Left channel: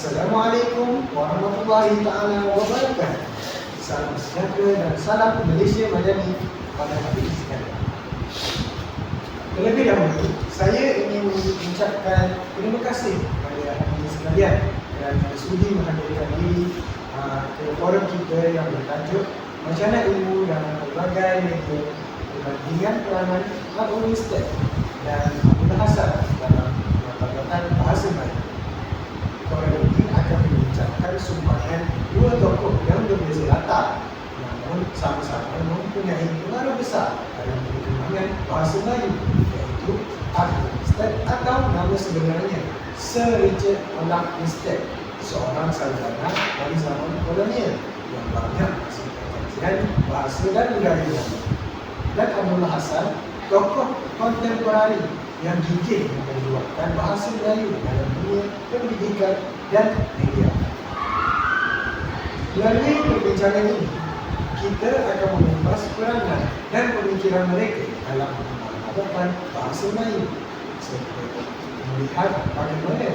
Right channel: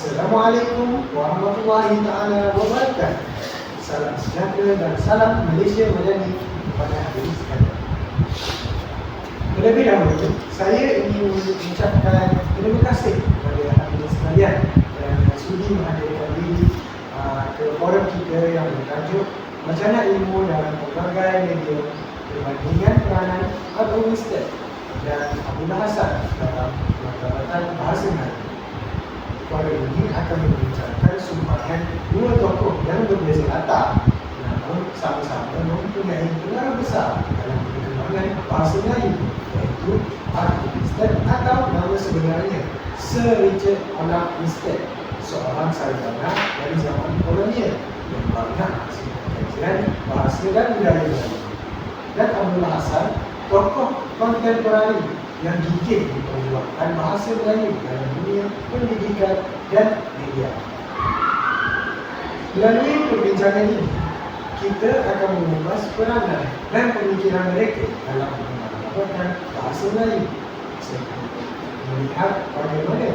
Assalamualaikum warahmatullahi taala wabarakatuh. Salam sejahtera dan salam Malaysia Madani kepada hadirin sekalian. Terlebih dahulu, saya ingin mengucapkan terima kasih kepada hadirin sekalian kerana sudi menghadirkan diri ke forum kita yang bertajuk Macana Ilmu dalam Pelbagai Media Perbandingan Peranan Al-Umi Ustaz dan Abdullah Hasan dalam Martabatan Bahasa Melayu. Forum ini akan membincangkan sumbangan dua tokoh yang berbeza latar namun sama-sama mempunyai pengaruh besar dalam perkembangan bahasa Melayu, iaitu Al-Umi Ustaz atau nama sebenarnya Sir Richard Olaf Winstead, seorang sarjana dari zaman kolonial yang banyak mengkaji bahasa dan budaya Melayu, dan Abdullah Hasan, tokoh kontemporari yang gigih memperjuangkan bahasa Melayu dalam dunia pendidikan dan media. Melalui perbincangan ini, kita akan mengupas peranan dan pemikiran mereka dalam mengamalkan bahasa Melayu, serta melihat bagaimana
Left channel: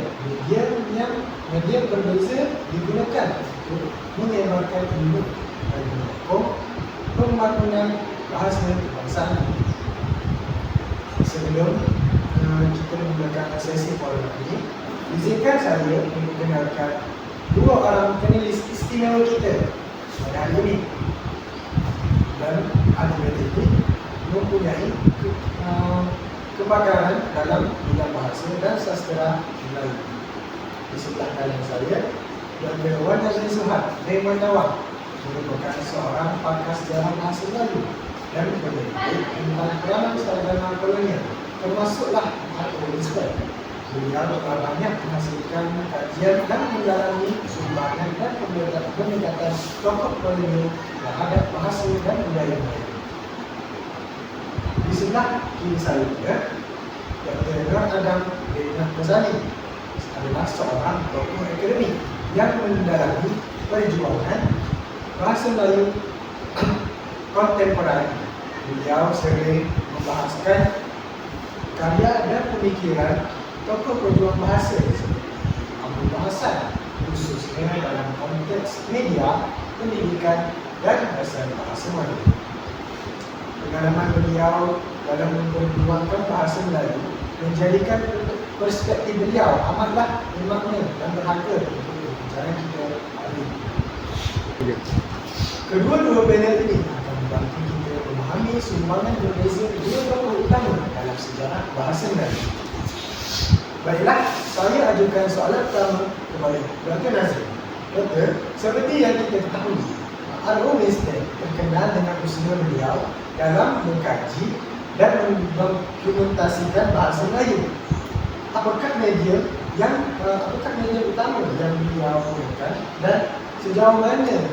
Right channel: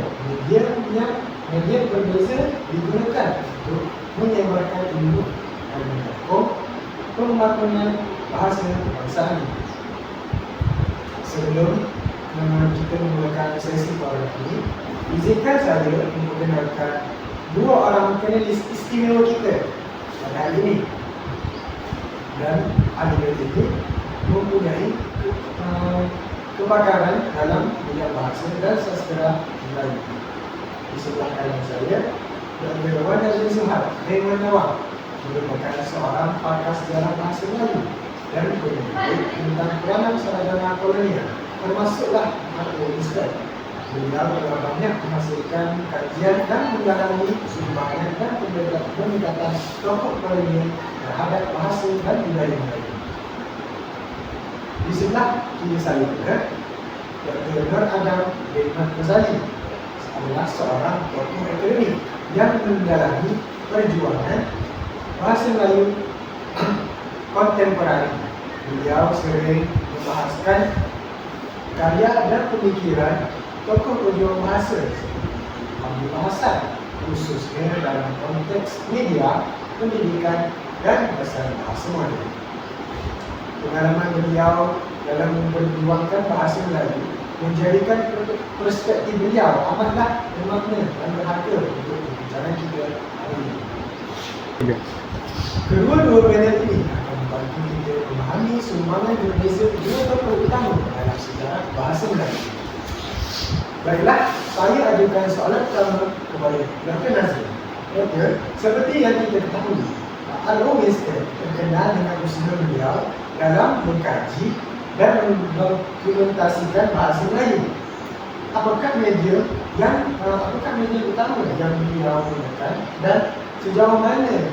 media berbeza digunakan untuk menyebarkan ilmu dan menyokong pembangunan bahasa kebangsaan. Sebelum kita memulakan sesi forum ini, izinkan saya memperkenalkan dua orang panelis istimewa kita pada hari ini. Dan ahli ini mempunyai kepakaran dalam bidang bahasa dan sastra Melayu. Di sebelah kanan saya, Dr. Wan Nazrin Suhad Maimunawar, merupakan seorang pakar sejarah bahasa Melayu dan peneliti tentang peranan sarjana kolonial, termasuklah Al-Umi Ustaz. Beliau telah banyak menghasilkan kajian dan mendalami sumbangan dan pendekatan tokoh kolonial terhadap bahasa dan budaya Melayu. Di sebelah kiri saya juga, Dr. Nur Adam Rehmat Ghazali adalah seorang tokoh akademik yang mendalami perjuangan bahasa Melayu kontemporer. Beliau sering membahaskan karya dan pemikiran tokoh pejuang bahasa seperti Abdullah Hasan, khususnya dalam konteks media, pendidikan dan bahasa Melayu. Pengalaman beliau dalam memperjuangkan bahasa Melayu menjadikan perspektif beliau amatlah bermakna dan berharga untuk perbincangan kita hari ini. Kedua-dua panel ini akan membantu kita memahami sumbangan berbeza dua tokoh utama dalam sejarah bahasa Melayu. Baiklah, saya ajukan soalan pertama kepada Dr. Nazrin. Doktor, seperti yang kita ketahui, Al-Umi Ustaz terkenal dengan usaha beliau dalam mengkaji dan mendokumentasikan bahasa Melayu. Apakah media utama yang beliau gunakan dan sejauh mana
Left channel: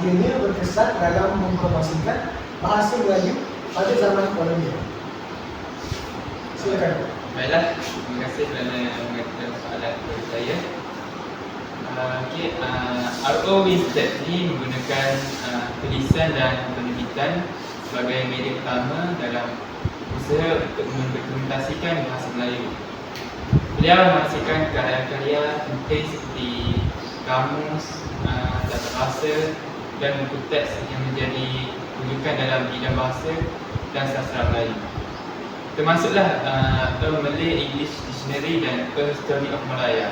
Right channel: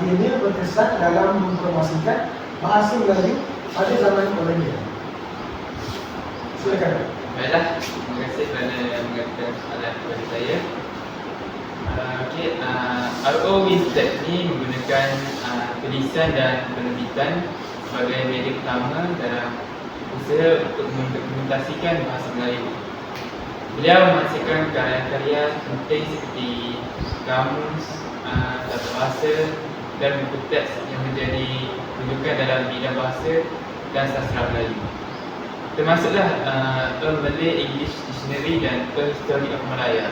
ianya berkesan dalam mempromosikan bahasa Melayu pada zaman kolonial? Silakan. Baiklah, terima kasih kerana mengajukan soalan kepada saya. Al-Umi Ustaz ini menggunakan tulisan dan penerbitan sebagai media utama dalam usaha untuk mendokumentasikan bahasa Melayu. Beliau menghasilkan karya-karya penting seperti kamus, tata bahasa dan buku teks yang menjadi rujukan dalam bidang bahasa dan sastra Melayu. Termasuklah The Malay English Dictionary dan A History of Malaya.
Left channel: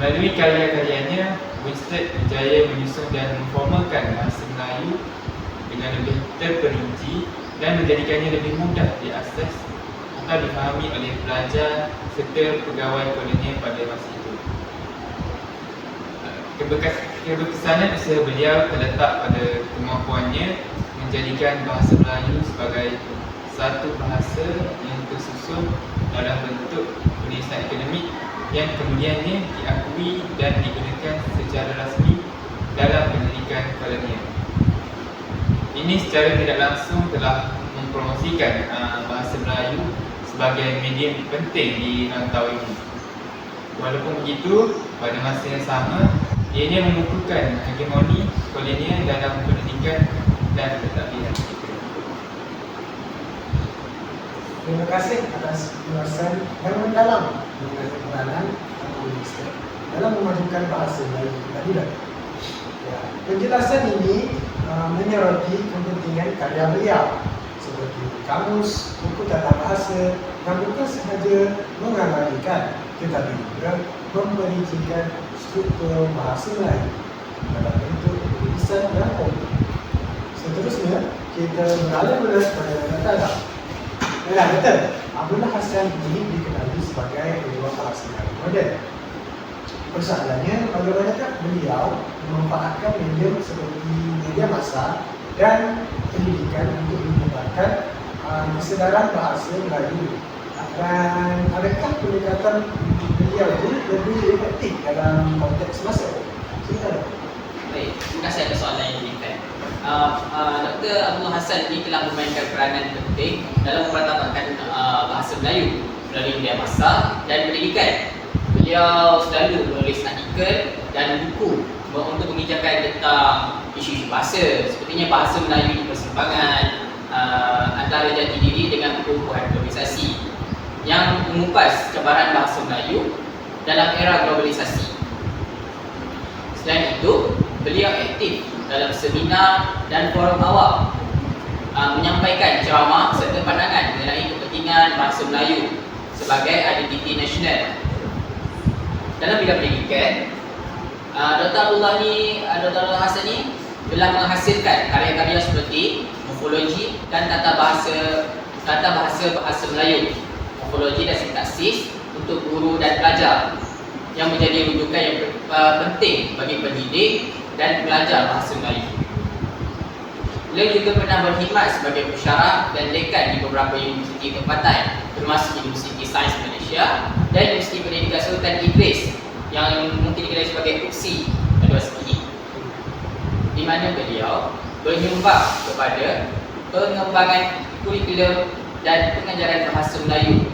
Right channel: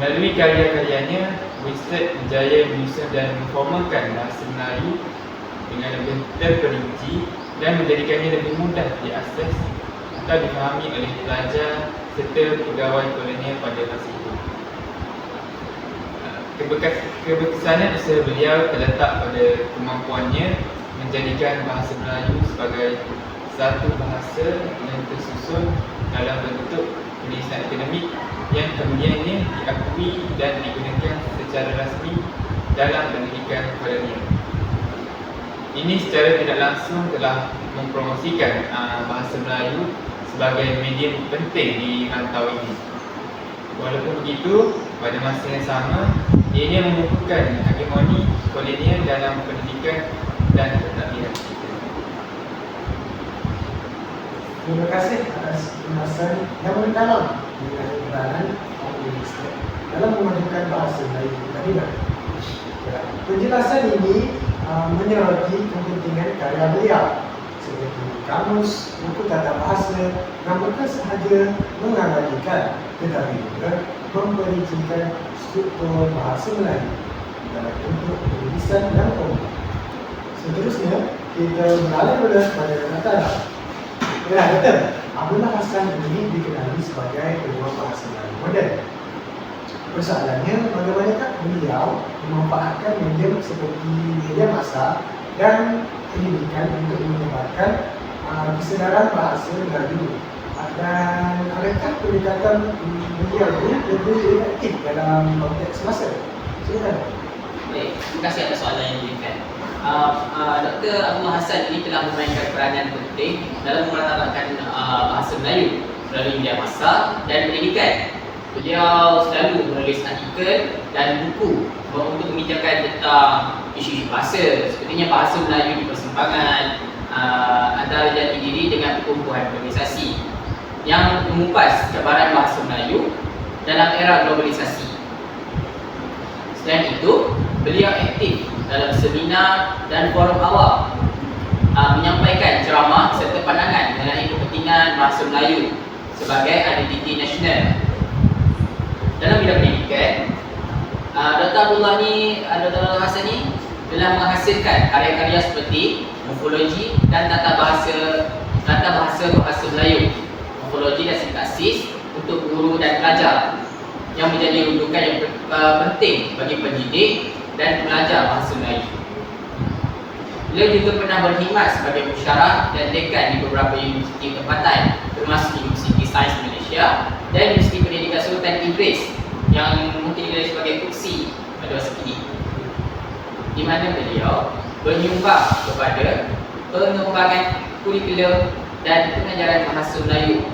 Melalui karya-karyanya, Winstead berjaya menyusun dan memformalkan bahasa Melayu dengan lebih terperinci dan menjadikannya lebih mudah diakses atau difahami oleh pelajar serta pegawai kolonial pada masa itu. Keberkesanan usaha beliau terletak pada kemampuannya menjadikan bahasa Melayu sebagai satu bahasa yang tersusun dalam bentuk tulisan akademik yang kemudiannya diakui dan digunakan secara rasmi dalam pendidikan kolonial. Ini secara tidak langsung telah mempromosikan bahasa Melayu sebagai medium penting di rantau ini. Walaupun begitu, pada masa yang sama, ianya mengukuhkan hegemoni kolonial dalam pendidikan dan pentadbiran. Terima kasih atas ulasan yang mendalam mengenai peranan Al-Umi Ustaz dalam memajukan bahasa Melayu tadi dah. Ya, penjelasan ini menyoroti kepentingan karya beliau seperti kamus, buku tata bahasa yang bukan sahaja mengabadikan tetapi juga memperincikan struktur bahasa Melayu dalam bentuk tulisan yang kompleks. Seterusnya, kita beralih pada kata-kata. Ya, betul. Abdullah Hassan ini dikenali sebagai pejuang bahasa Melayu moden. Persoalannya, bagaimanakah beliau memanfaatkan medium seperti media massa dan pendidikan untuk menyebarkan kesedaran bahasa Melayu, dan adakah pendekatan beliau itu lebih efektif dalam konteks masa? Silakan. Baik, terima kasih atas soalan yang diberikan. Dr. Abdullah Hassan ini telah memainkan peranan penting dalam memeratabatkan bahasa Melayu melalui media massa dan pendidikan. Beliau selalu menulis artikel dan buku untuk membincangkan tentang isu-isu bahasa, sepertinya bahasa Melayu di persimpangan antara jati diri dengan perkumpulan globalisasi, yang mengupas cabaran bahasa Melayu dalam era globalisasi. Selain itu, beliau aktif dalam seminar dan forum awam, menyampaikan ceramah serta pandangan mengenai kepentingan bahasa Melayu sebagai identiti nasional. Dalam bidang pendidikan, Dr. Abdullah Hassan ini telah menghasilkan karya-karya seperti morfologi dan tata bahasa Melayu, morfologi dan sintaksis untuk guru dan pelajar, yang menjadi rujukan yang penting bagi pendidik dan pelajar bahasa Melayu. Beliau juga pernah berkhidmat sebagai pensyarah dan dekan di beberapa universiti tempatan, termasuk Universiti Sains Malaysia dan Universiti Pendidikan Sultan Idris, yang mungkin dikenali sebagai UPSI pada masa kini, di mana beliau menyumbang kepada pengembangan kurikulum dan pengajaran bahasa Melayu.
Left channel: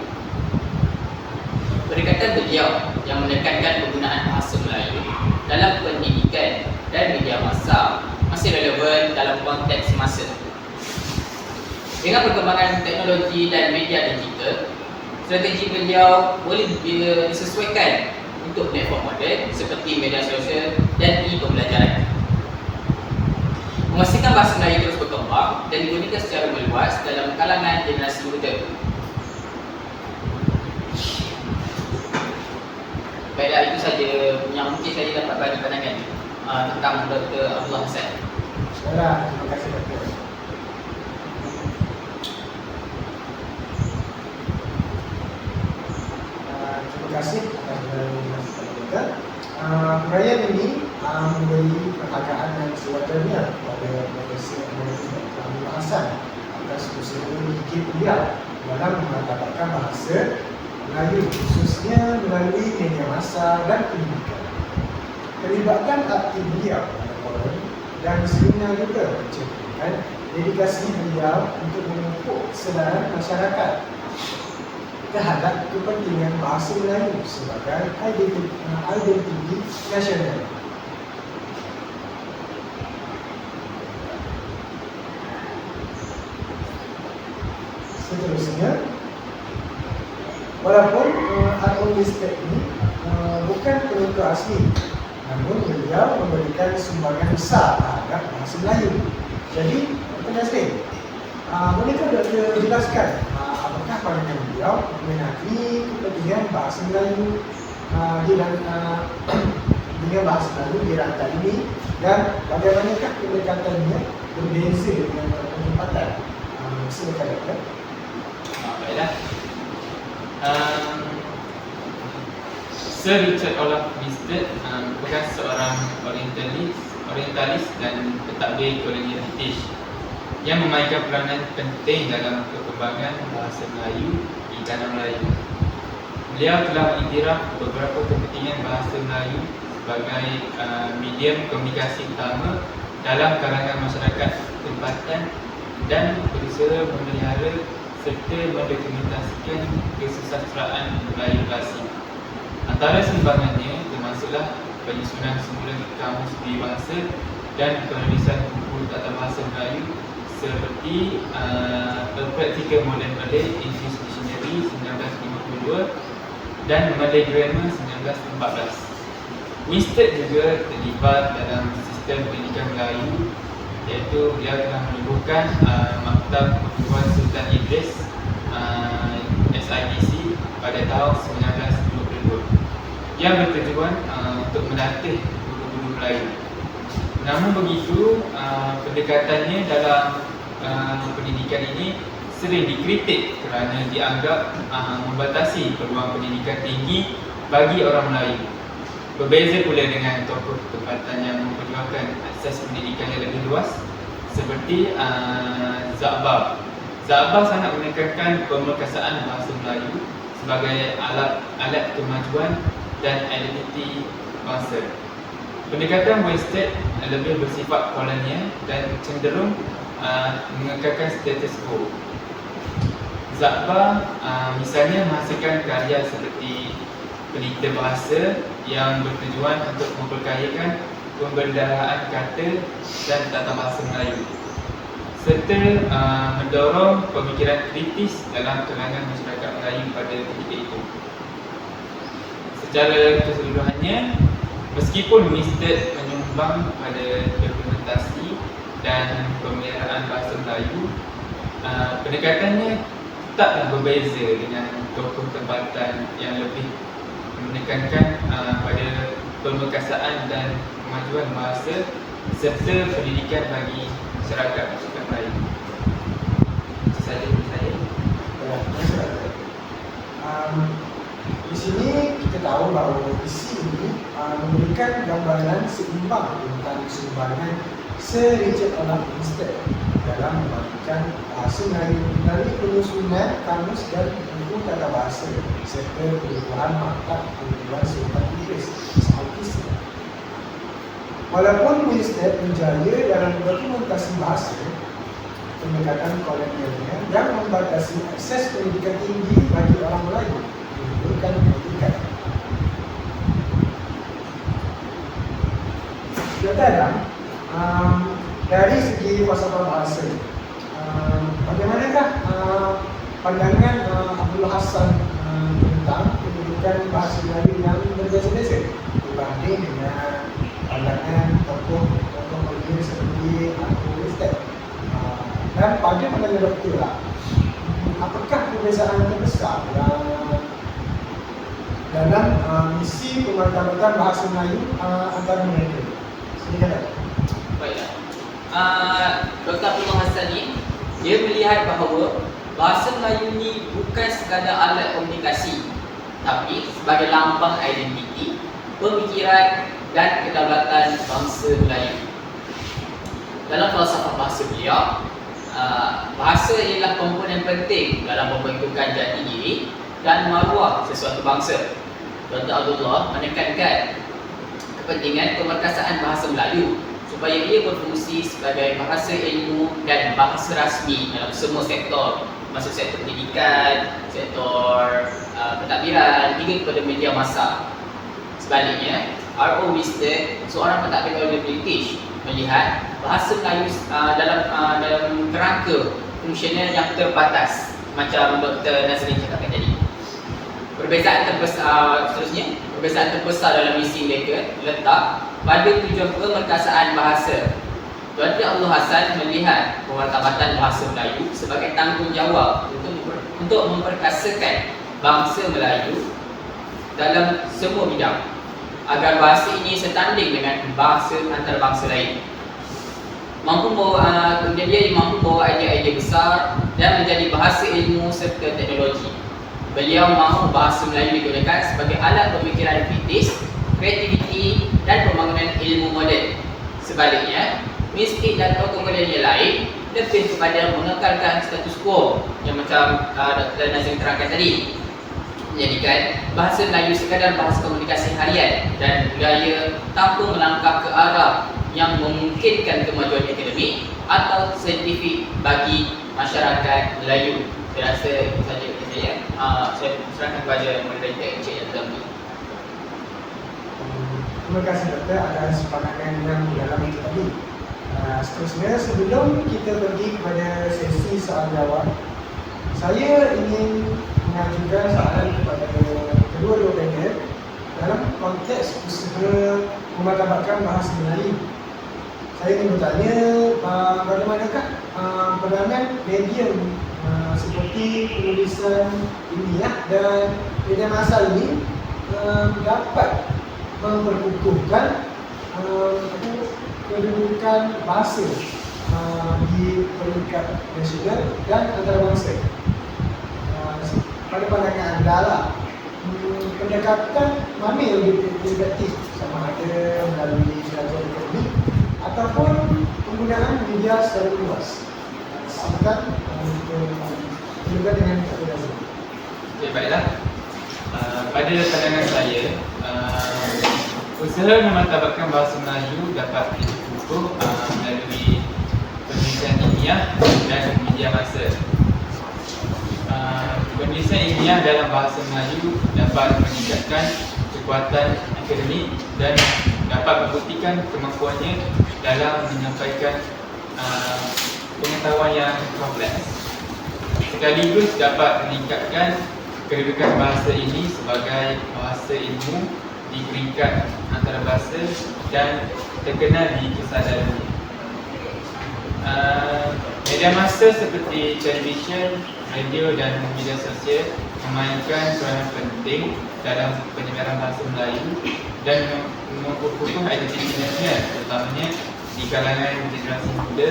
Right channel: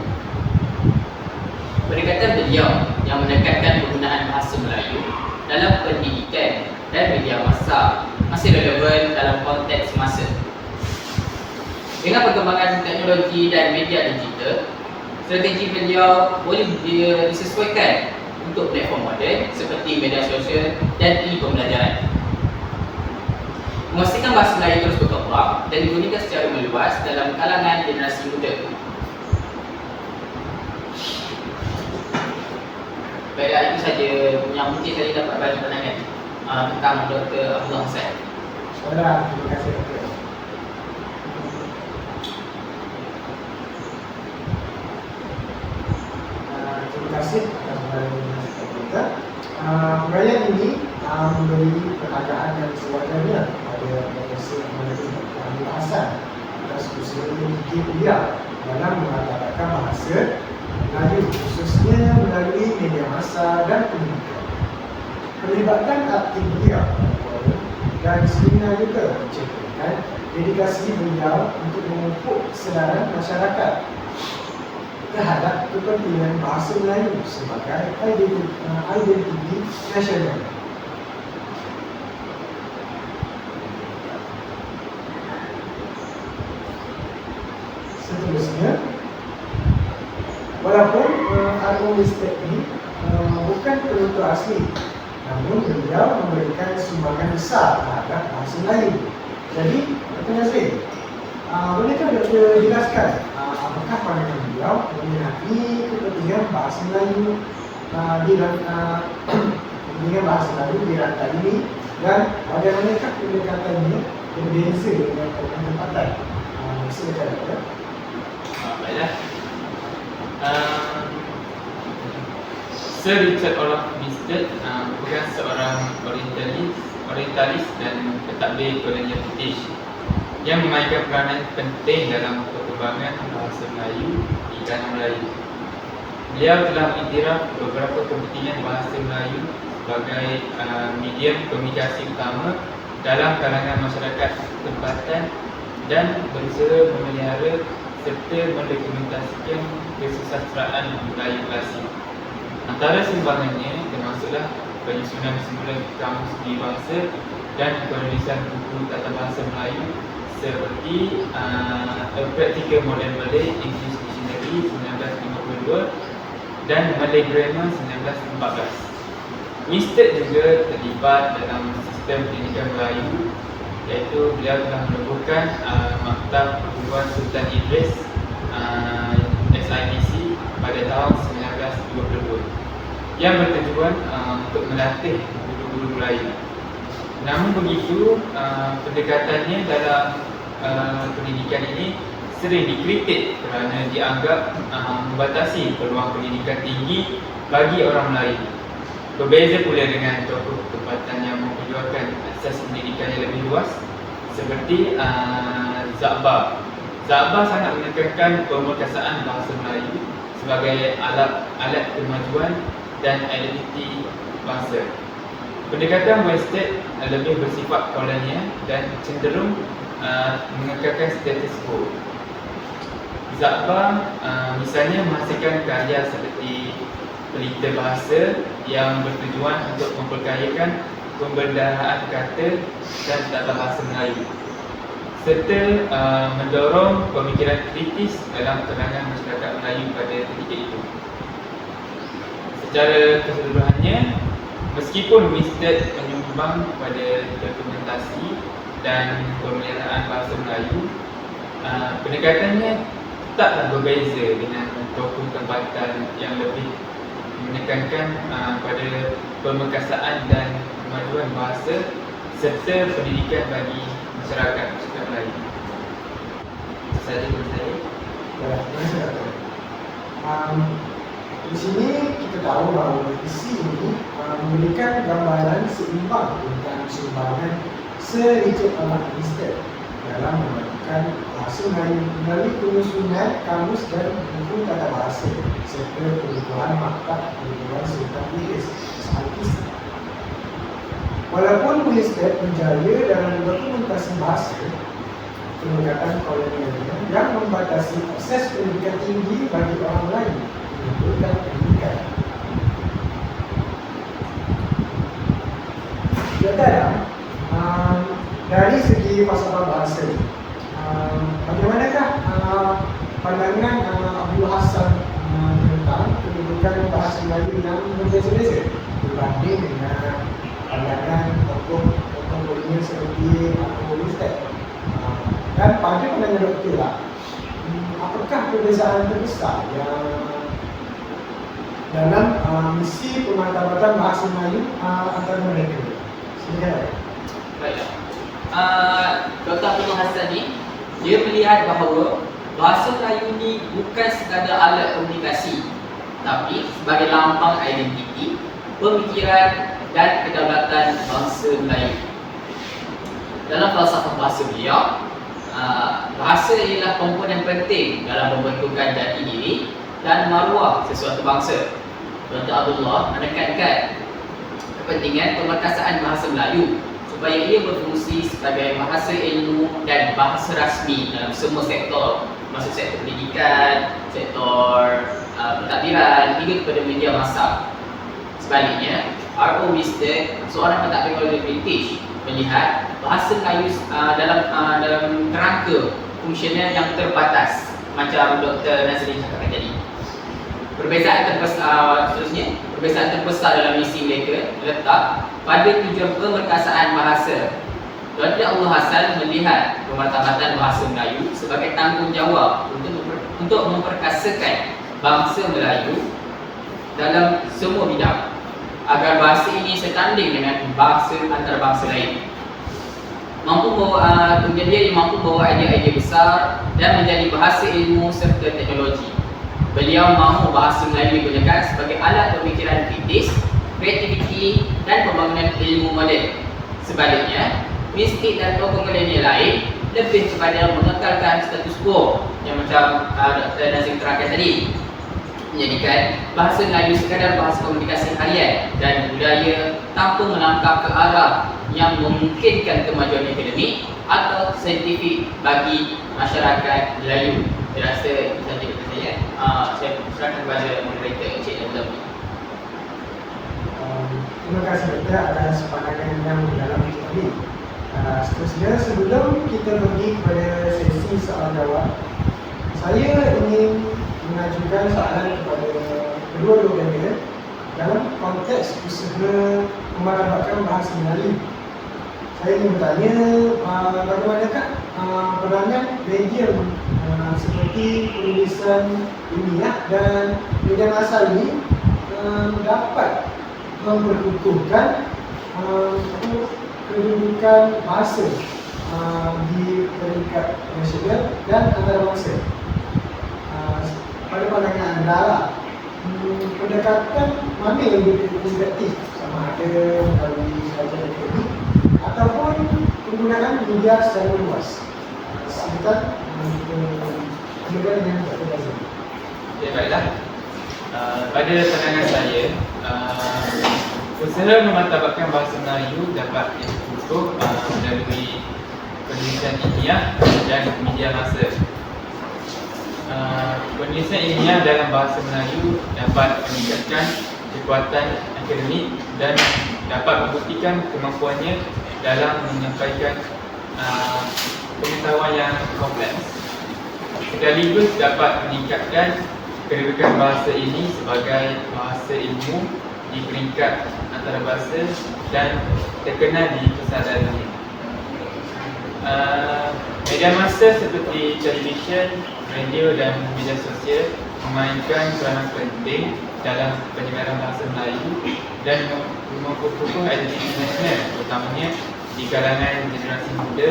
Pendekatan beliau yang menekankan penggunaan bahasa Melayu dalam pendidikan dan media massa masih relevan dalam konteks masa. Dengan perkembangan teknologi dan media digital, strategi beliau boleh disesuaikan untuk platform moden seperti media sosial dan e-pembelajaran. Memastikan bahasa Melayu terus berkembang dan digunakan secara meluas dalam kalangan generasi muda. Baiklah, itu saja yang mungkin saya dapat bagi pandangan tentang Dr. Abdullah Hassan. Baiklah, terima kasih Dr. Terima kasih atas penjelasan kita. Perayaan ini memberi penghargaan yang sewajarnya kepada Profesor Dr. Abdullah Hassan atas usaha gigih beliau dalam memeratabatkan bahasa Melayu, khususnya melalui media massa dan pendidikan. Pelibatan aktif beliau dan seminar juga menceritakan dedikasi beliau untuk memupuk kesedaran masyarakat terhadap kepentingan bahasa Melayu sebagai identiti nasional. Seterusnya, walaupun Al-Ulistek ini bukan penentu asli, namun beliau memberikan sumbangan besar terhadap bahasa Melayu. Jadi, pertanyaan saya, bolehkah Doktor jelaskan apakah pandangan beliau mengenai kepentingan bahasa Melayu dengan bahasa Melayu di rantai ini, dan bagaimanakah pendekatannya berbeza dengan penempatan? Silakan Doktor. Baiklah. Sir Richard Olaf Winstead merupakan seorang orientalis dan pentadbir kolonial British yang memainkan peranan penting dalam perkembangan bahasa Melayu di tanah Melayu. Beliau telah mengiktiraf beberapa kepentingan bahasa Melayu sebagai medium komunikasi utama dalam kalangan masyarakat tempatan dan berusaha memelihara serta mendokumentasikan kesusastraan Melayu klasik. Antara sumbangannya termasuklah penyusunan semula kamus peribahasa dan penulisan buku tata bahasa Melayu seperti A Practical Modern Malay English Dictionary 1952 dan Malay Grammar 1914. Winstead juga terlibat dalam sistem pendidikan Melayu, iaitu beliau telah menubuhkan Maktab Perguruan Sultan Idris SITC pada tahun 1922 yang bertujuan untuk melatih guru-guru Melayu. Namun begitu, pendekatannya dalam pendidikan ini sering dikritik kerana dianggap membatasi peluang pendidikan tinggi bagi orang Melayu. Berbeza pula dengan tokoh tempatan yang memperjuangkan akses pendidikan yang lebih luas seperti Zakbar. Zakbar sangat menekankan pemerkasaan bahasa Melayu sebagai alat kemajuan dan identiti bangsa. Pendekatan Winstead lebih bersifat kolonial dan cenderung mengekalkan status quo. Zakbar misalnya menghasilkan karya seperti pelita bahasa yang bertujuan untuk memperkayakan pembendaharaan kata dan tata bahasa Melayu, serta mendorong pemikiran kritis dalam kalangan masyarakat Melayu pada ketika itu. Secara keseluruhannya, meskipun Winstead menyumbang pada dokumentasi dan pemeliharaan bahasa Melayu, pendekatannya taklah berbeza dengan tokoh tempatan yang lebih menekankan pada pemerkasaan dan kemajuan bahasa serta pendidikan bagi masyarakat Melayu. Itu sahaja dari saya. Terima kasih Dr. Di sini kita tahu bahawa isi ini memberikan gambaran seimbang tentang sumbangan Sir Richard Olaf Winstead dalam memajukan bahasa Melayu melalui penyusunan kamus dan buku tata bahasa serta penubuhan Maktab Perguruan Sultan Idris SITC. Walaupun Winstead berjaya dalam dokumentasi bahasa, pendekatan kolonialnya yang membatasi akses pendidikan tinggi bagi orang Melayu menimbulkan pendidikan. Saudara, dari segi falsafah bahasa, bagaimanakah pandangan Abdul Hassan tentang pendidikan bahasa Melayu yang berbeza-beza dibanding dengan pandangan tokoh kolonial seperti Winstead? Dan pada pandangan doktor lah, apakah perbezaan terbesar yang dalam misi pemantapan bahasa Melayu antara mereka? Silakan Dr. Baiklah. Dr. Abdul Hassan ni, dia melihat bahawa bahasa Melayu ni bukan sekadar alat komunikasi, tapi sebagai lambang identiti, pemikiran dan kedaulatan bangsa Melayu. Dalam falsafah bahasa beliau, bahasa ialah komponen penting dalam membentukkan jati diri dan maruah sesuatu bangsa. Dr. Abdullah menekankan kepentingan pemerkasaan bahasa Melayu supaya ia berfungsi sebagai bahasa ilmu dan bahasa rasmi dalam semua sektor, termasuk sektor pendidikan, sektor pentadbiran hingga kepada media massa. Sebaliknya, R.O. Winstead, seorang pentadbir kolonial British, melihat bahasa Melayu dalam kerangka fungsional yang terbatas, macam Dr. Nazrin cakapkan tadi. Perbezaan terbesar dalam misi mereka letak pada tujuan pemerkasaan bahasa. Dr. Abdul Hassan melihat pemartabatan bahasa Melayu sebagai tanggungjawab untuk memperkasakan bangsa Melayu dalam semua bidang, agar bahasa ini setanding dengan bahasa antarabangsa lain. Kemudian dia mampu membawa idea-idea besar dan menjadi bahasa ilmu serta teknologi. Beliau mahu bahasa Melayu digunakan sebagai alat pemikiran kritis, kreativiti dan pembangunan ilmu moden. Sebaliknya, Winstead dan tokoh kolonial lain lebih kepada mengekalkan status quo yang macam Dr. Nazim terangkan tadi, menjadikan bahasa Melayu sekadar bahasa komunikasi harian dan budaya tanpa melangkah ke arah yang memungkinkan kemajuan akademik atau saintifik bagi masyarakat Melayu. Saya rasa itu saja dari saya. Saya serahkan kepada moderator Encik Dr. B. Terima kasih Doktor atas pandangan yang dalam itu tadi. Seterusnya, sebelum kita pergi kepada sesi soal jawab, saya ingin mengajukan soalan kepada kedua-dua panel dalam konteks usaha memartabatkan bahasa Melayu. Saya ingin bertanya, bagaimanakah peranan media seperti penulisan ilmiah dan media massa ini dapat memperkukuhkan kedudukan bahasa di peringkat nasional dan antarabangsa. Pada pandangan anda lah, pendekatan mana yang lebih efektif, sama ada melalui kajian akademik ataupun penggunaan media secara luas? Silakan juga dengan Dr. Razif. Okay, baiklah. Pada pandangan saya, usaha memartabatkan bahasa Melayu dapat diukur melalui penulisan ilmiah dan media massa. Penulisan ilmiah dalam bahasa Melayu dapat meningkatkan kekuatan akademik dan dapat membuktikan kemampuannya dalam menyampaikan pengetahuan yang kompleks. Sekaligus dapat meningkatkan kedudukan bahasa ini sebagai bahasa ilmu di peringkat antarabangsa dan terkenal di pusat dunia. Media massa seperti televisyen, radio dan media sosial memainkan peranan penting dalam penyebaran bahasa Melayu dan memperkukuh identiti nasional, terutamanya di kalangan generasi muda.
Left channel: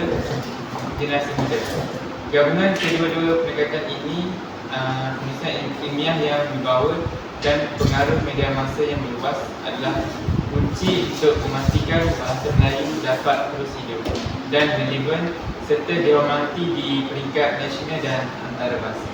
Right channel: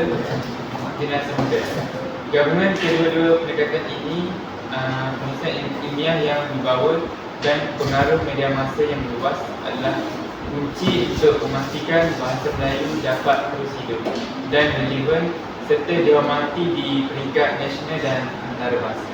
Gabungan kedua-dua pendekatan ini, penulisan ilmiah yang membawa dan pengaruh media massa yang meluas adalah kunci untuk memastikan bahasa Melayu dapat terus hidup dan relevan serta dihormati di peringkat nasional dan antarabangsa.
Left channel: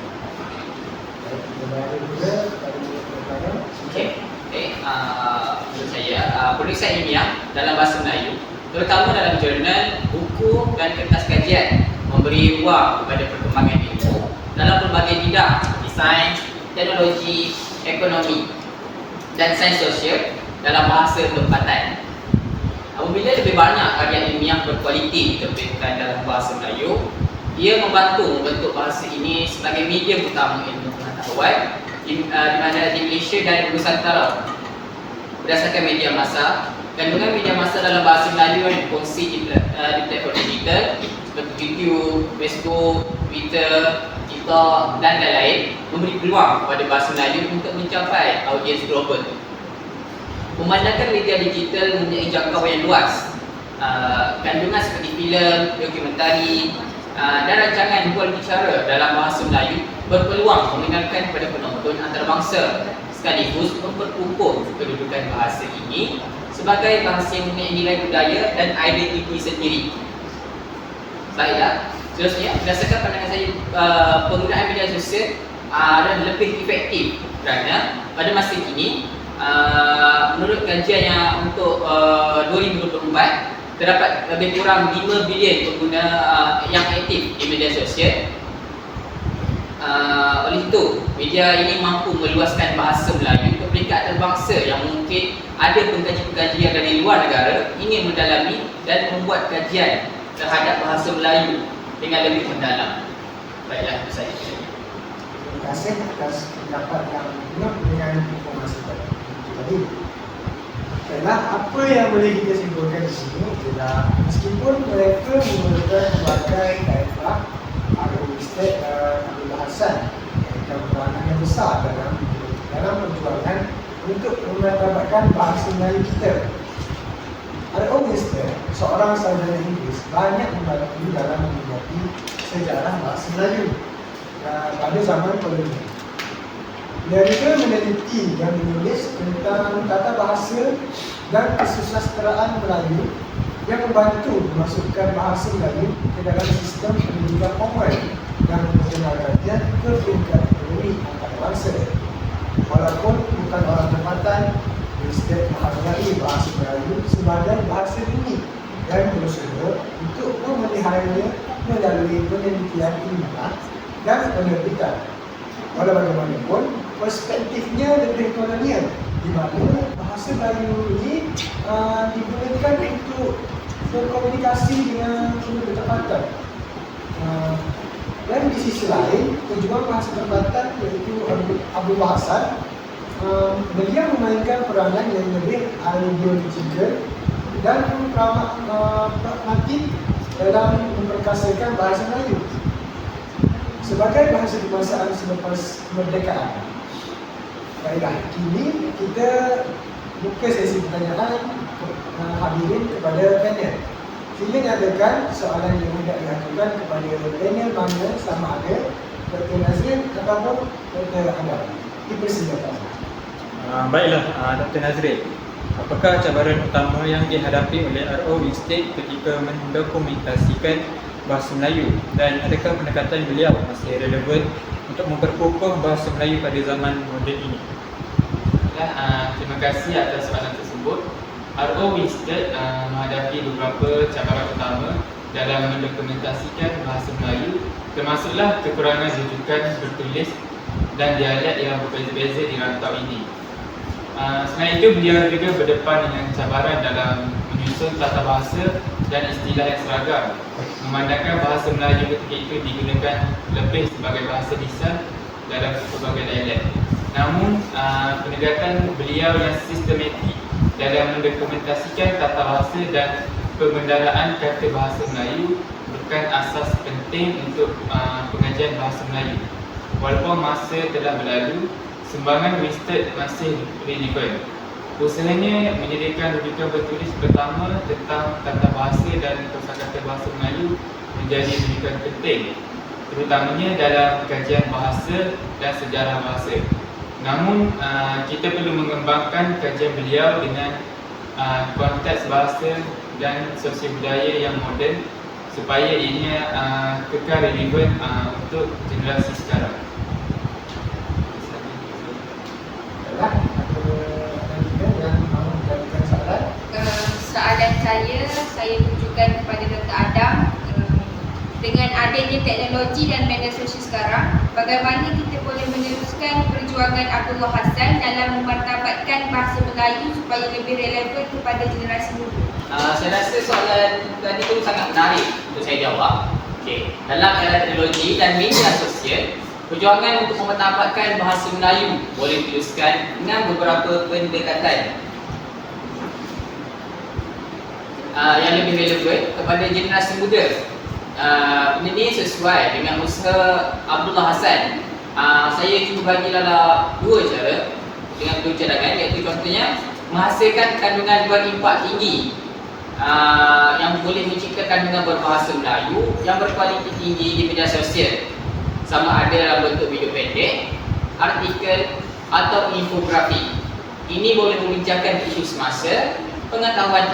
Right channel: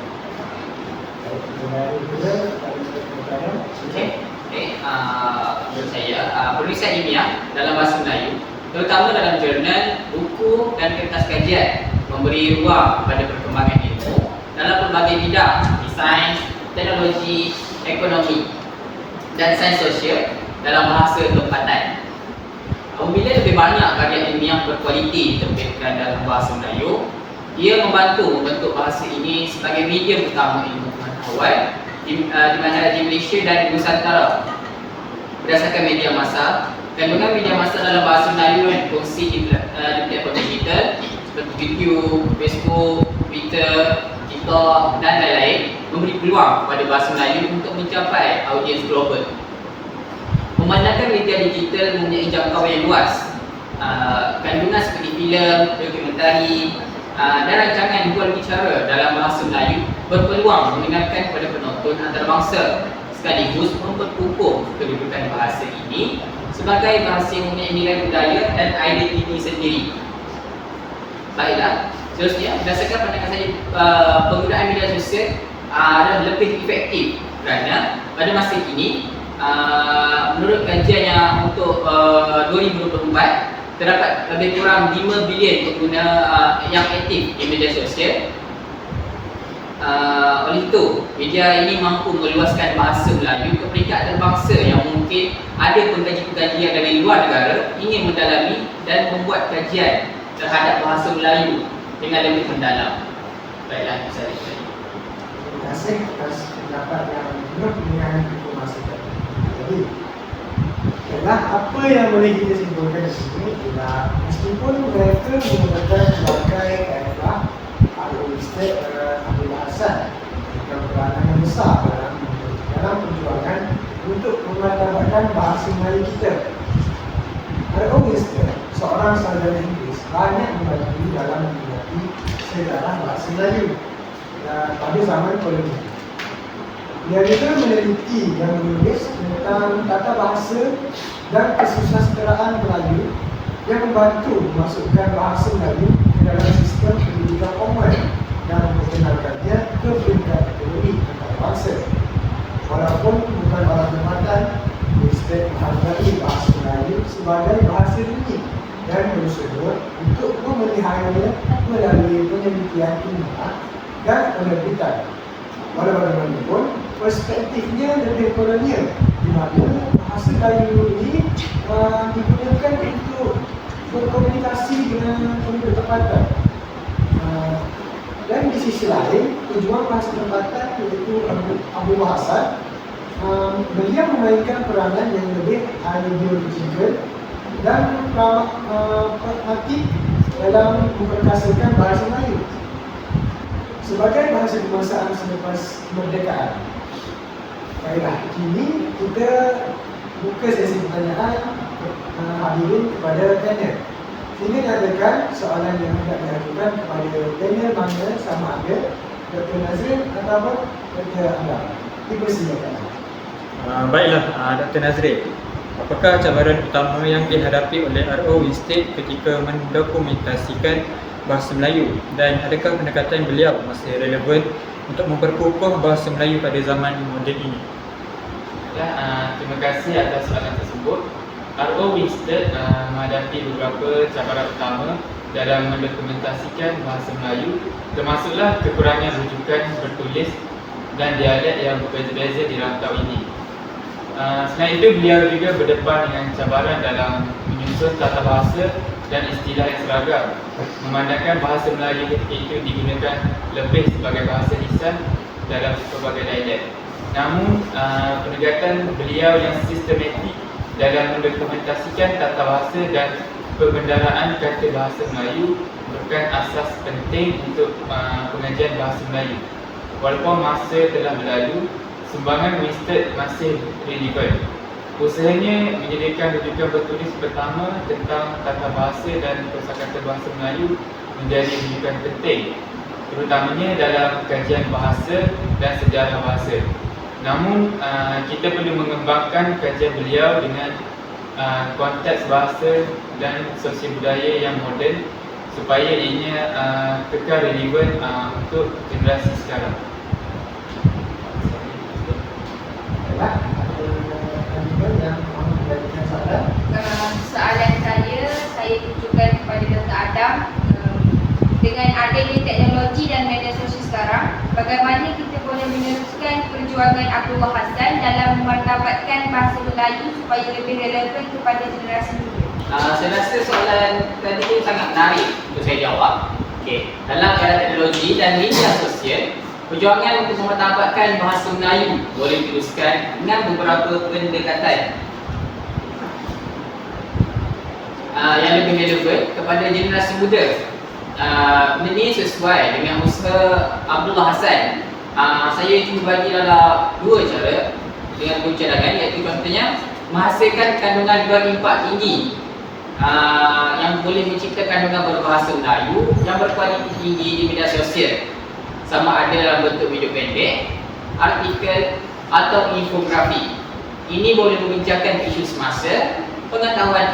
Menurut saya, penulisan ilmiah dalam bahasa Melayu, terutama dalam jurnal, buku dan kertas kajian, memberi ruang kepada perkembangan ilmu dalam pelbagai bidang seperti sains, teknologi, ekonomi dan sains sosial dalam bahasa tempatan. Apabila lebih banyak karya ilmiah berkualiti diterbitkan dalam bahasa Melayu, ia membantu membentuk bahasa ini sebagai medium utama ilmu pengetahuan di mana di Malaysia dan di Nusantara. Berdasarkan media massa, kandungan media massa dalam bahasa Melayu yang dikongsi di platform digital seperti YouTube, Facebook, Twitter, TikTok dan lain-lain memberi peluang kepada bahasa Melayu untuk mencapai audiens global. Memandangkan media digital mempunyai jangkauan yang luas, kandungan seperti filem, dokumentari dan rancangan bual bicara dalam bahasa Melayu berpeluang mengenalkan kepada penonton antarabangsa sekaligus memperkukuh kedudukan bahasa ini sebagai bahasa yang mempunyai nilai budaya dan identiti sendiri. Baiklah, seterusnya berdasarkan pandangan saya, penggunaan media sosial adalah lebih efektif kerana pada masa kini, menurut kajian yang untuk 2024, terdapat lebih kurang 5 bilion pengguna yang aktif di media sosial. Oleh itu, media ini mampu meluaskan bahasa Melayu ke peringkat antarabangsa yang mungkin ada pengkaji-pengkaji yang dari luar negara ingin mendalami dan membuat kajian terhadap bahasa Melayu dengan lebih mendalam. Baiklah, saya. Terima kasih atas pendapat yang penuh dengan informasi tadi. Jadi, apa yang boleh kita simpulkan di sini ialah meskipun mereka menggunakan berbagai kaedah linguistik Abdul Hasan yang berperanan yang besar dalam perjuangan untuk memartabatkan bahasa Melayu kita. R.O. Winstead, seorang sarjana Inggeris, banyak membantu dalam meminati sejarah bahasa Melayu pada zaman kolonial. Dia juga meneliti dan menulis tentang tata bahasa dan kesusasteraan Melayu yang membantu memasukkan bahasa Melayu ke dalam sistem pendidikan formal dan memperkenalkannya ke peringkat ekonomi antarabangsa. Walaupun bukan orang tempatan, Winstead menghargai bahasa Melayu sebagai bahasa dunia dan berusaha untuk memeliharanya melalui penelitian ilmiah dan penerbitan. Walau bagaimanapun, perspektifnya lebih kolonial, di mana bahasa Melayu ini digunakan untuk berkomunikasi dengan penduduk tempatan. Dan di sisi lain, pejuang bahasa tempatan iaitu Abu Hasan beliau memainkan peranan yang lebih ideologikal dan pragmatik dalam memperkasakan bahasa Melayu sebagai bahasa kebangsaan selepas kemerdekaan. Baiklah, kini kita buka sesi pertanyaan hadirin kepada panel. Sila nyatakan soalan yang hendak diajukan kepada panel mana, sama ada Dr. Nazrin ataupun Dr. Adam. Dipersilakan. Baiklah, Dr. Nazrin. Apakah cabaran utama yang dihadapi oleh RO Winstead ketika mendokumentasikan bahasa Melayu, dan adakah pendekatan beliau masih relevan untuk memperkukuh bahasa Melayu pada zaman moden ini? Terima kasih atas soalan tersebut. RO Winstead menghadapi beberapa cabaran utama dalam mendokumentasikan bahasa Melayu, termasuklah kekurangan rujukan bertulis dan dialek yang berbeza-beza di rantau ini. Selain itu, beliau juga berdepan dengan cabaran dalam menyusun tata bahasa dan istilah yang seragam, memandangkan bahasa Melayu ketika itu digunakan lebih sebagai bahasa lisan dalam pelbagai dialek. Namun, pendekatan beliau yang sistematik dalam mendokumentasikan tata bahasa dan pembendaraan kata bahasa Melayu merupakan asas penting untuk pengajian bahasa Melayu. Walaupun masa telah berlalu, sumbangan Winstead masih relevan. Usahanya menyediakan rujukan bertulis pertama tentang tata bahasa dan kosakata bahasa Melayu menjadi rujukan penting, terutamanya dalam kajian bahasa dan sejarah bahasa. Namun, kita perlu mengembangkan kajian beliau dengan konteks bahasa dan sosial budaya yang moden supaya ianya kekal relevan untuk generasi sekarang. Yang mahu menjadikan soalan. Soalan saya tujukan kepada Dr. Adam. Dengan adanya teknologi dan media sosial sekarang, bagaimana kita boleh meneruskan perjuangan Abdullah Hassan dalam memartabatkan bahasa Melayu supaya lebih relevan kepada generasi muda? Saya rasa soalan tadi itu sangat menarik untuk saya jawab. Okey, dalam era teknologi dan media sosial, perjuangan untuk memartabatkan bahasa Melayu boleh diteruskan dengan beberapa pendekatan yang lebih relevan kepada generasi muda. Ini sesuai dengan usaha Abdullah Hassan. Saya cuba bagi dalam dua cara dengan dua cadangan, iaitu contohnya menghasilkan kandungan berimpak tinggi yang boleh mencipta kandungan berbahasa Melayu yang berkualiti tinggi di media sosial, sama ada dalam bentuk video pendek, artikel atau infografi. Ini boleh membincangkan isu semasa, pengetahuan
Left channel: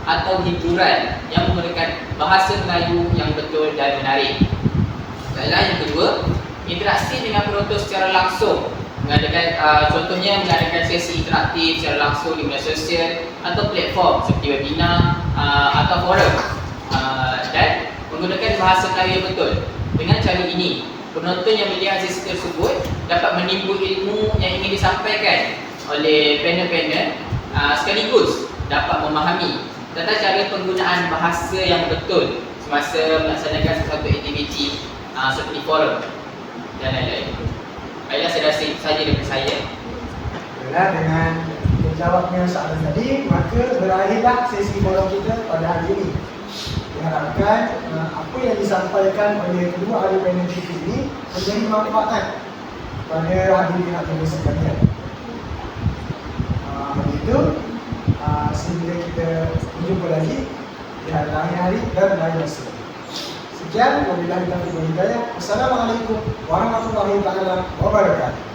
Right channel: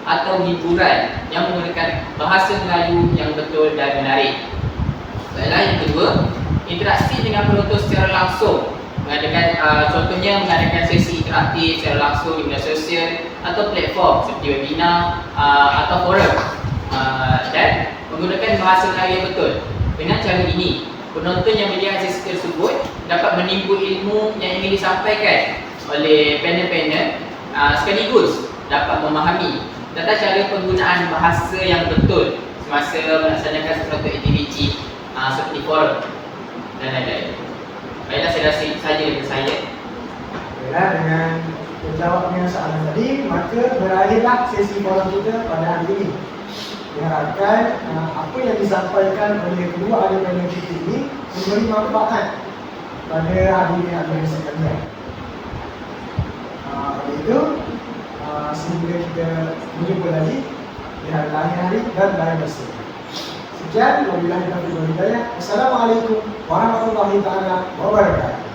atau hiburan yang menggunakan bahasa Melayu yang betul dan menarik. Dan yang kedua, interaksi dengan penonton secara langsung, contohnya mengadakan sesi interaktif secara langsung di media sosial atau platform seperti webinar atau forum, dan menggunakan bahasa Melayu yang betul. Dengan cara ini, penonton yang melihat sesi tersebut dapat menimbul ilmu yang ingin disampaikan oleh panel-panel, sekaligus dapat memahami tata cara penggunaan bahasa yang betul semasa melaksanakan sesuatu aktiviti seperti forum dan lain-lain. Baiklah, saya rasa itu sahaja daripada saya. Baiklah, dengan menjawabnya soalan tadi, maka berakhirlah sesi forum kita pada hari ini. Diharapkan apa yang disampaikan oleh kedua ahli panel kita ini memberi manfaat pada hadirin-hadirin sekalian. Begitu, sehingga kita berjumpa lagi di hari-hari dan lain masa. Sekian, wabillahi taufiq wal hidayah. Wassalamualaikum warahmatullahi taala wabarakatuh.